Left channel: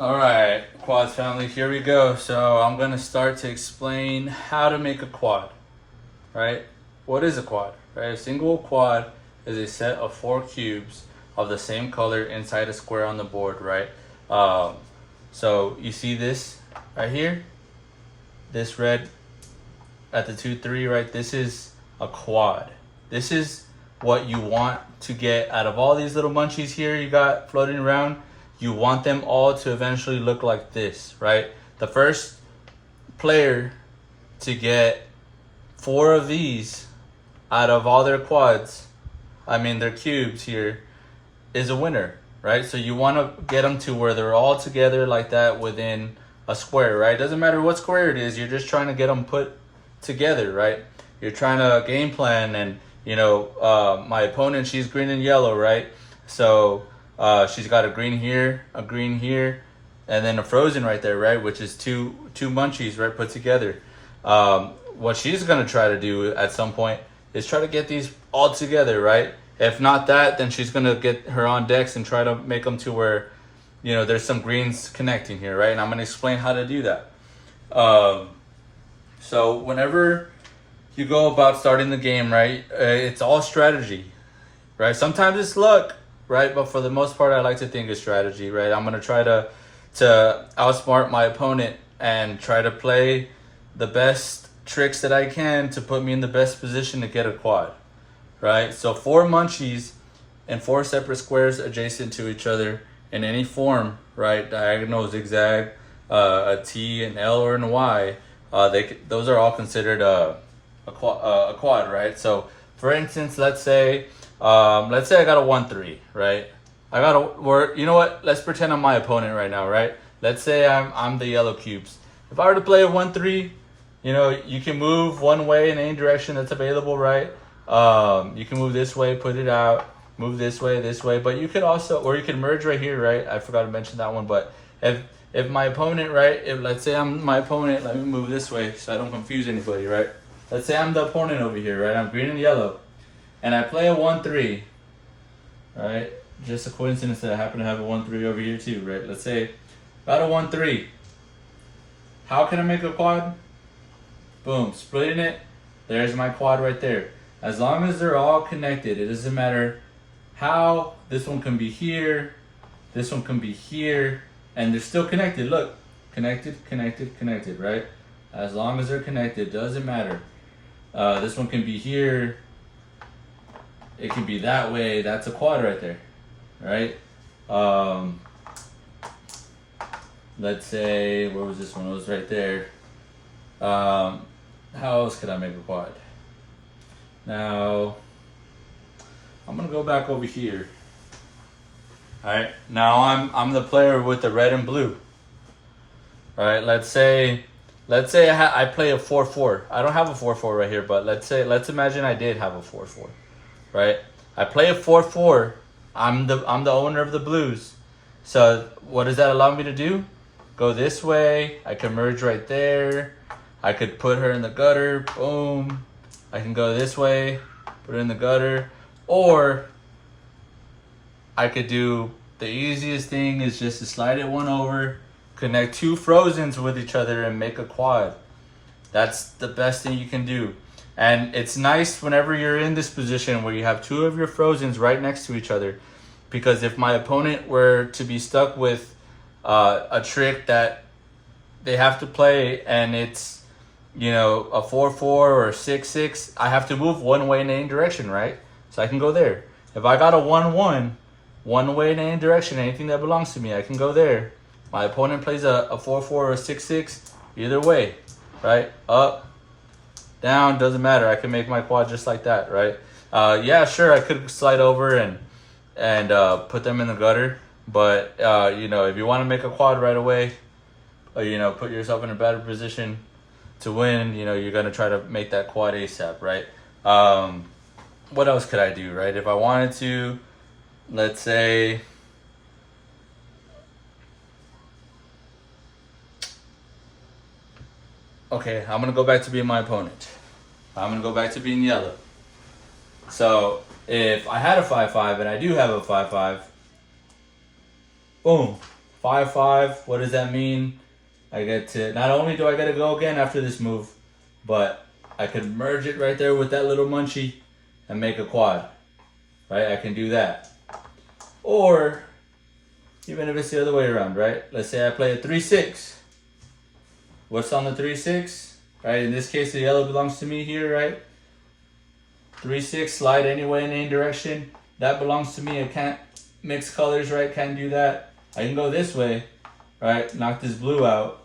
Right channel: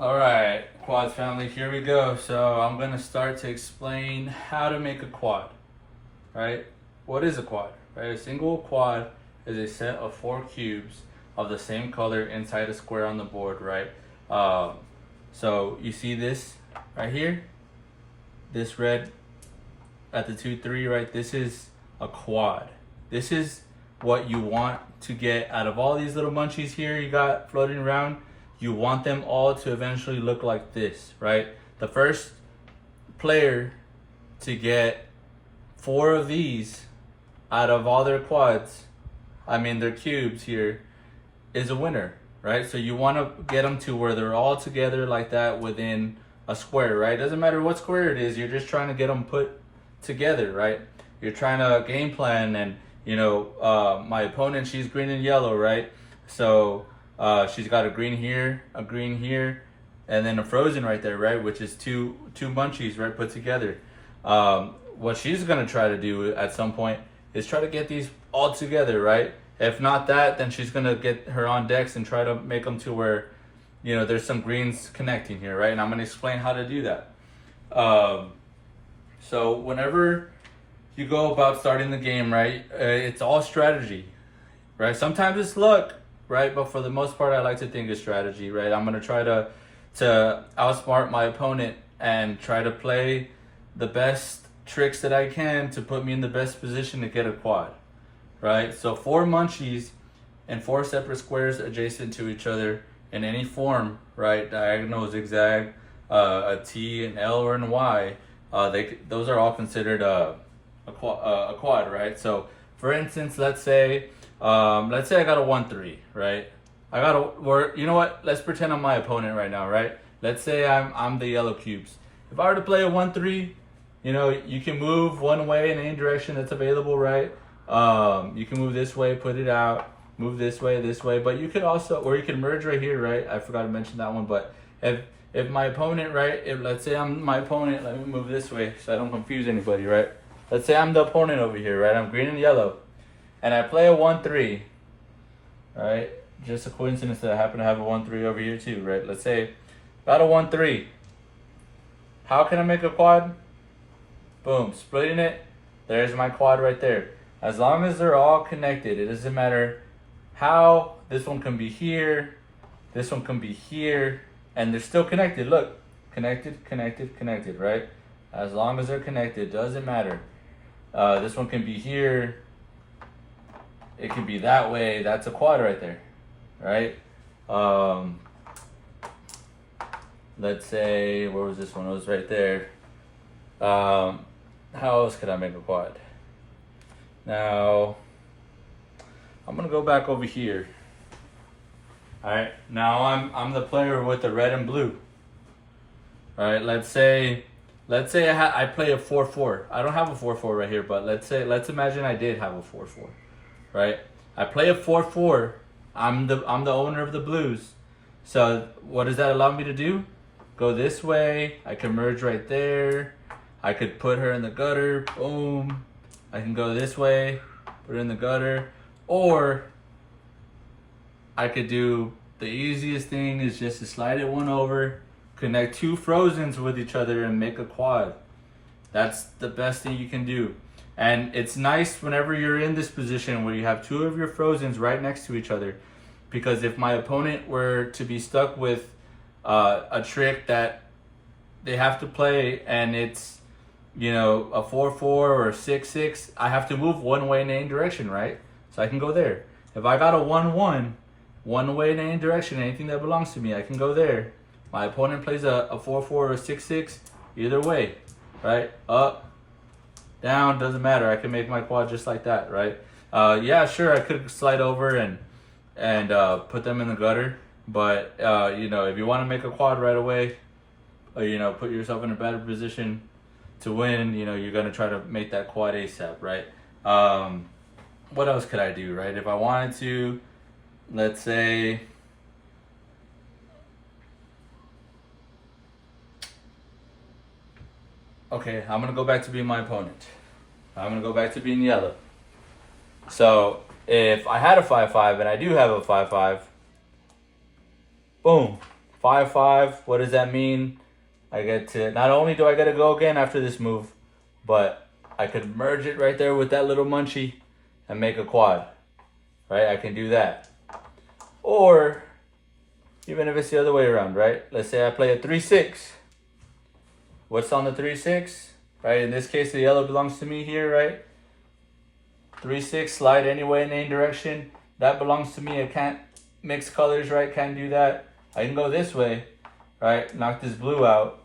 All right, quads family, here we go. So I'm gonna start to explain how to make a quad, right? What is a quad, right? A single quad is a set of four cubes of the same color inside a square on the board, right? Um, so you see this right here, this red at the 2, 3, right? This is a quad. This is what you want to get out of all these little munchies here you got floating around. You want them all to eventually look like this, right? The first player to get four of these out of all their quads, their cubes here, is a winner, right? So you want to get them to where they're all together like that within a square, right? Doesn't matter what square it is, you're just trying to get them put together, right? You're trying to game plan, and my opponent, she's green and yellow, right? So she's got a green here, and then a frozen right there, right? Which is two munchies, right, put together. What she's gonna try to do at some point is try to get these all together, right? If not that, then she's gonna get her on decks and try to make them to where, there's some greens connecting here, right? And I'm gonna explain how to do that. So whenever you go about starting the game, right, it's all strategy, right? Sometimes it's luck, right? But for the most part, I like to think it's strategy, right? I'm gonna try to outsmart my opponent and try to play the best tricks that I can to put me in the best position to get a quad, right? So four munchies and four separate squares adjacent to each other in any form, right? Diagonal, zigzag, a T, an L, or an Y. Those are all considered a quad, right? So for instance, let's say I got a 1-3, right? You know what? Let's pretend I'm my opponent right now, right? Let's say I'm the yellow cubes. If I were to play a 1-3, you can move one way in any direction that's available, right? You can move this way, put it out, move this way, but you could also, or you can merge right here, right? I forgot to mention that one, but if my opponent, right, if let's say I'm my opponent, let me move this way so I don't confuse anybody, right? Let's say I'm the opponent over here, right? I'm green and yellow, and I play a 1-3, right? Just a coincidence that I happen to have a 1-3 over here too, right? Let's say got a 1-3. How can I make a quad? Boom, splitting it. There's my quad right there. As long as they're all connected, it doesn't matter how. This one can be here, this one can be here, and they're still connected. Look, connected, right? As long as they're connected, doesn't matter. This one can be here, it can be that way. That's a quad right there, right? Let's say, where was this one? It was right there. How else could I make a quad? Now, I'm gonna go back over here. All right, now I'm the player with the red and blue. All right, let's say I play a 4-4. I don't have a 4-4 right here, but let's imagine I did have a 4-4, right? I play a 4-4. I'm the owner of the blues. So what does that allow me to do? Go this way. I can merge right there. I could put her in the gutter. Boom. I can go this way, put her in the gutter, or I could do the easiest thing is just to slide it one over, connect two frozens with each other, and make a quad. That's the best thing you can do. And it's nice whenever you're in this position where you have two of your frozens right next to each other, because if my opponent were to be stuck with a trick that they have to play and it's a 4-4 or a 6-6, I have to move one way in any direction, right? So I can go there. If I got a 1-1, one way in any direction, anything that belongs to me, I can go there. My opponent plays a 4-4 or a 6-6, either way, right? Up, down, doesn't matter. I can make my quad just like that, right? Yeah, sure, I could slide over and put them in the gutter, but if you want to make a quad right away, put yourself in a better position to win, you're gonna try to make that quad ASAP, right? What else could I do, right? If I wanted to, let's say, okay, I'm gonna go back to being my opponent. I'm gonna go back to being yellow. So if I had a 5-5, and I do have a 5-5, boom, 5-5. What does that mean? I get to, not only do I get to go again after this move, but I could merge it right there with that little munchie and make a quad, right? I can do that. Or even if it's the other way around, right? Let's say I play a 3-6. What's on the 3-6, right? In this case, the yellow belongs to me here, right? 3-6, slide anyway in any direction. That belongs to me. I can't mix colors, right? Can't do that. I can go this way, right? Knock this blue out,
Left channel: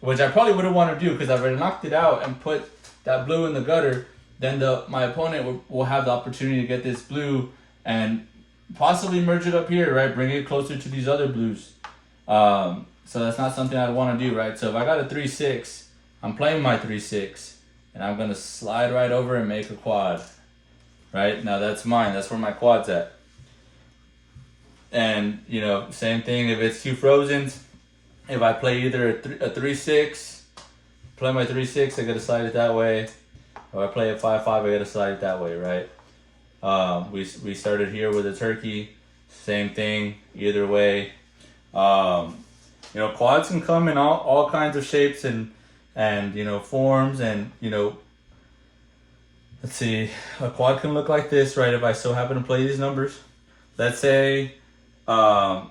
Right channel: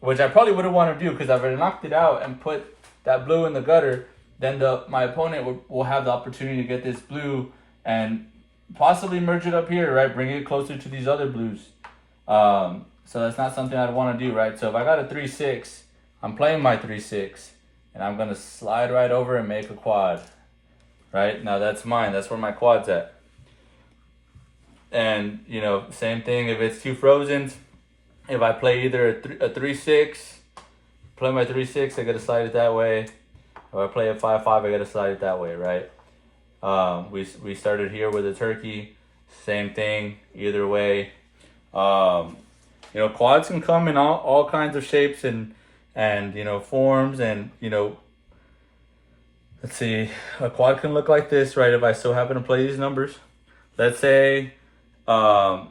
which I probably wouldn't want to do because I've already knocked it out and put that blue in the gutter. Then my opponent will have the opportunity to get this blue and possibly merge it up here, right? Bring it closer to these other blues. So that's not something I'd want to do, right? So if I got a 3-6, I'm playing my 3-6. And I'm going to slide right over and make a quad. Right? Now that's mine. That's where my quad's at. And, you know, same thing if it's two frozens. If I play either a 3-6, play my 3-6, I got to slide it that way. If I play a 5-5, I got to slide it that way, right? We started here with a turkey. Same thing, either way. You know, quads can come in all kinds of shapes and you know, forms, and you know, let's see, a quad can look like this, right? If I still happen to play these numbers, let's say, I'm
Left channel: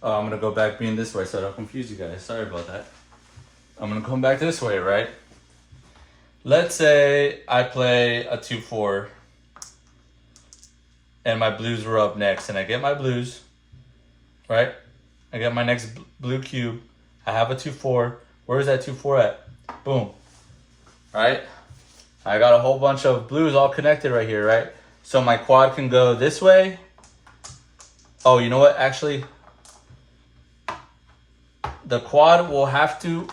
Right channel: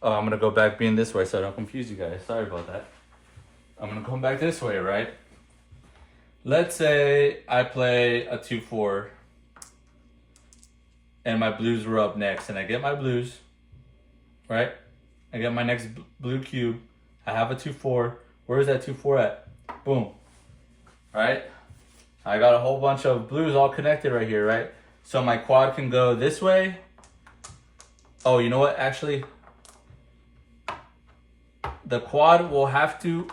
gonna go back being this way so I don't confuse you guys. Sorry about that. I'm gonna come back this way, right? Let's say I play a 2-4 and my blues were up next, and I get my blues, right? I get my next blue cube. I have a 2-4. Where is that 2-4 at? Boom. Right? I got a whole bunch of blues all connected right here, right? So my quad can go this way. Oh, you know what? Actually, the quad will have to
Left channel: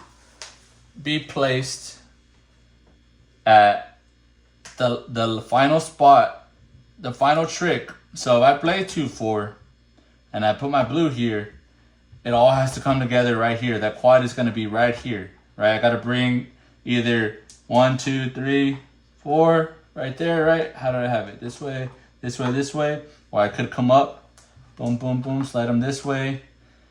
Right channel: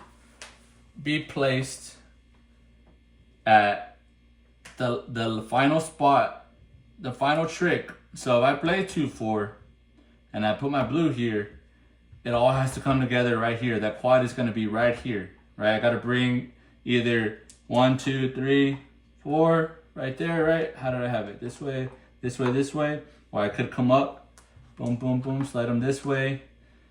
be placed at the final spot, the final trick. So if I play 2-4 and I put my blue here, it all has to come together right here. That quad is going to be right here, right? I got to bring either 1, 2, 3, 4 right there, right? How did I have it? This way, this way, this way. Or I could come up, boom, boom, boom, slide them this way,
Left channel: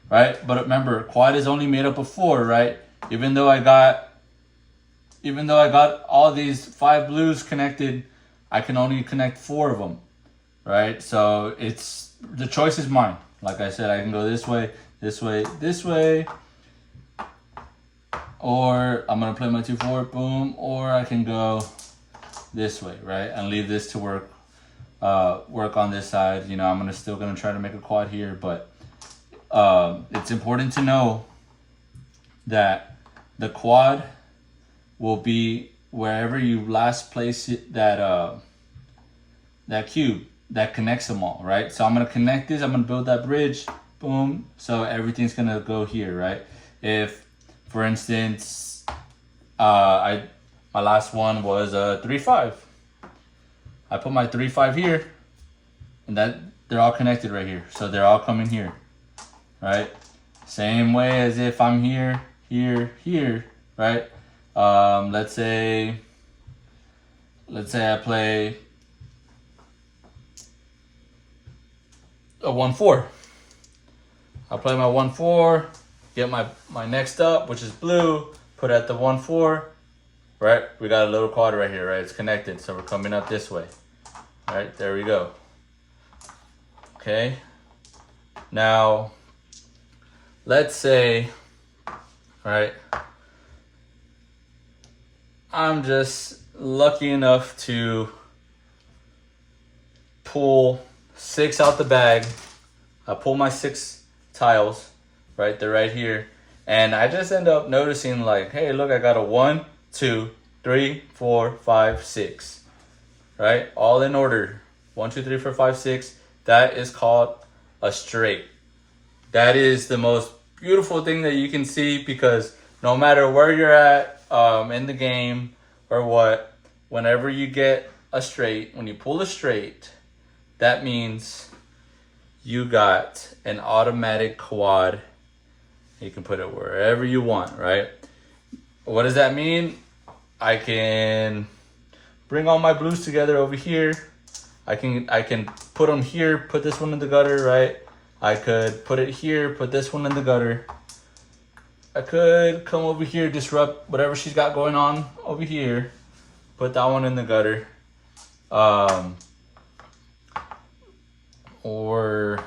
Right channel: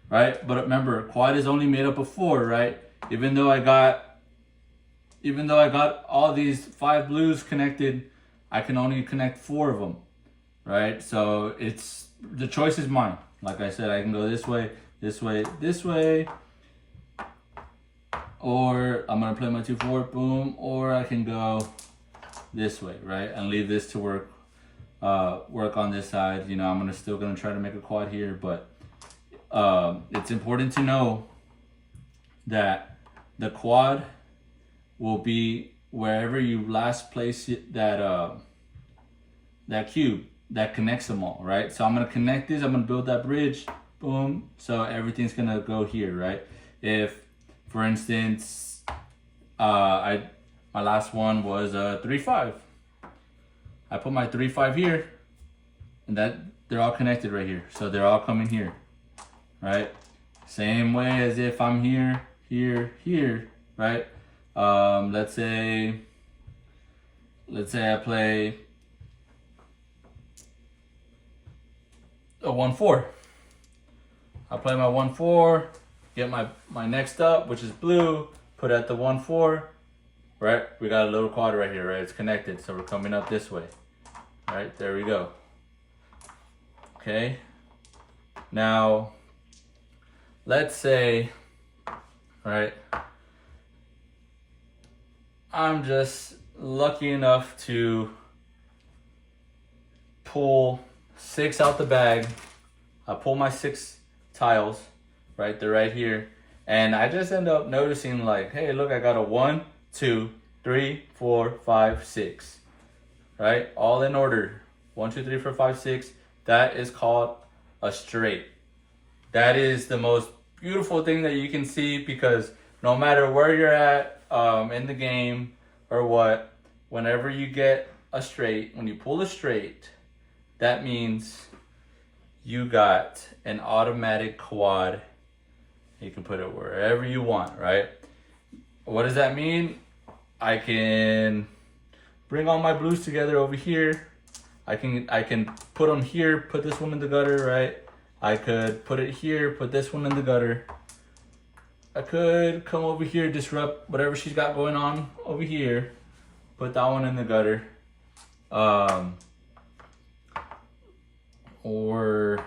right? But remember, quad is only made up of 4, right? Even though I got all these 5 blues connected, I can only connect 4 of them, right? So it's, the choice is mine. Like I said, I can go this way, this way, this way, or I'm gonna play my 2-4, boom, or I can go this way, right, and leave this to work on this side. You know, I'm still gonna try to make a quad here, but it's important to know that the quad will be wherever you last place it, that cube that connects them all, right? So I'm gonna connect this. I'm gonna build that bridge. Boom. So everything's gonna go here, right? If, for instance, my last one was a 3-5. I put my 3-5 here, and that they're all connected right here. So they're all coming here, right? Same way as if I'm here, here, here, right? Let's say I play a 1-4. I play my 1-4, get my next up, which is blue, put at the 1-4, right? We got a little quad right here, right? It's connected, so we're coming up this way. Right, there we go. Okay. Now, let's say, right, I'm just lucky enough to pull 6 out the bag. I pull my 6 tiles, right? They're right here. And I just end up noticing like, hey, look, I got a 1, 2, 3, 4, 5, 6, right? All in order. 1, 2, 3, 4, 5, 6. That is called a straight. That is the most beautiful thing that you can see, because no matter where you're at in the game or what, whenever you get a straight, when you pull a straight, that means you got an automatic quad. You can put it wherever you want, right? What does that mean? I can bring all my blues together over here. I can put them here, put this one in the gutter, right? I could put it here, put this one in the gutter. I could come over here, disrupt whatever she's got going on over here. Put that one in the gutter. Or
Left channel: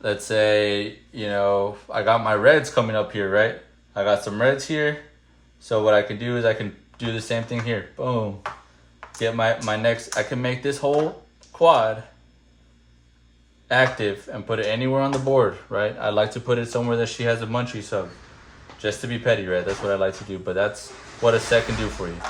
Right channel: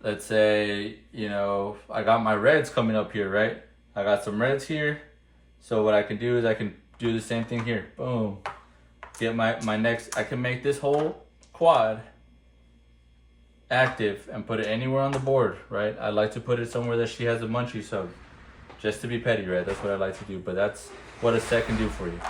let's say, you know, I got my reds coming up here, right? I got some reds here. So what I can do is I can do the same thing here. Boom. Get my next, I can make this whole quad active and put it anywhere on the board, right? I like to put it somewhere that she has a munchie sub. Just to be petty, right? That's what I like to do. But that's what a set can do for you.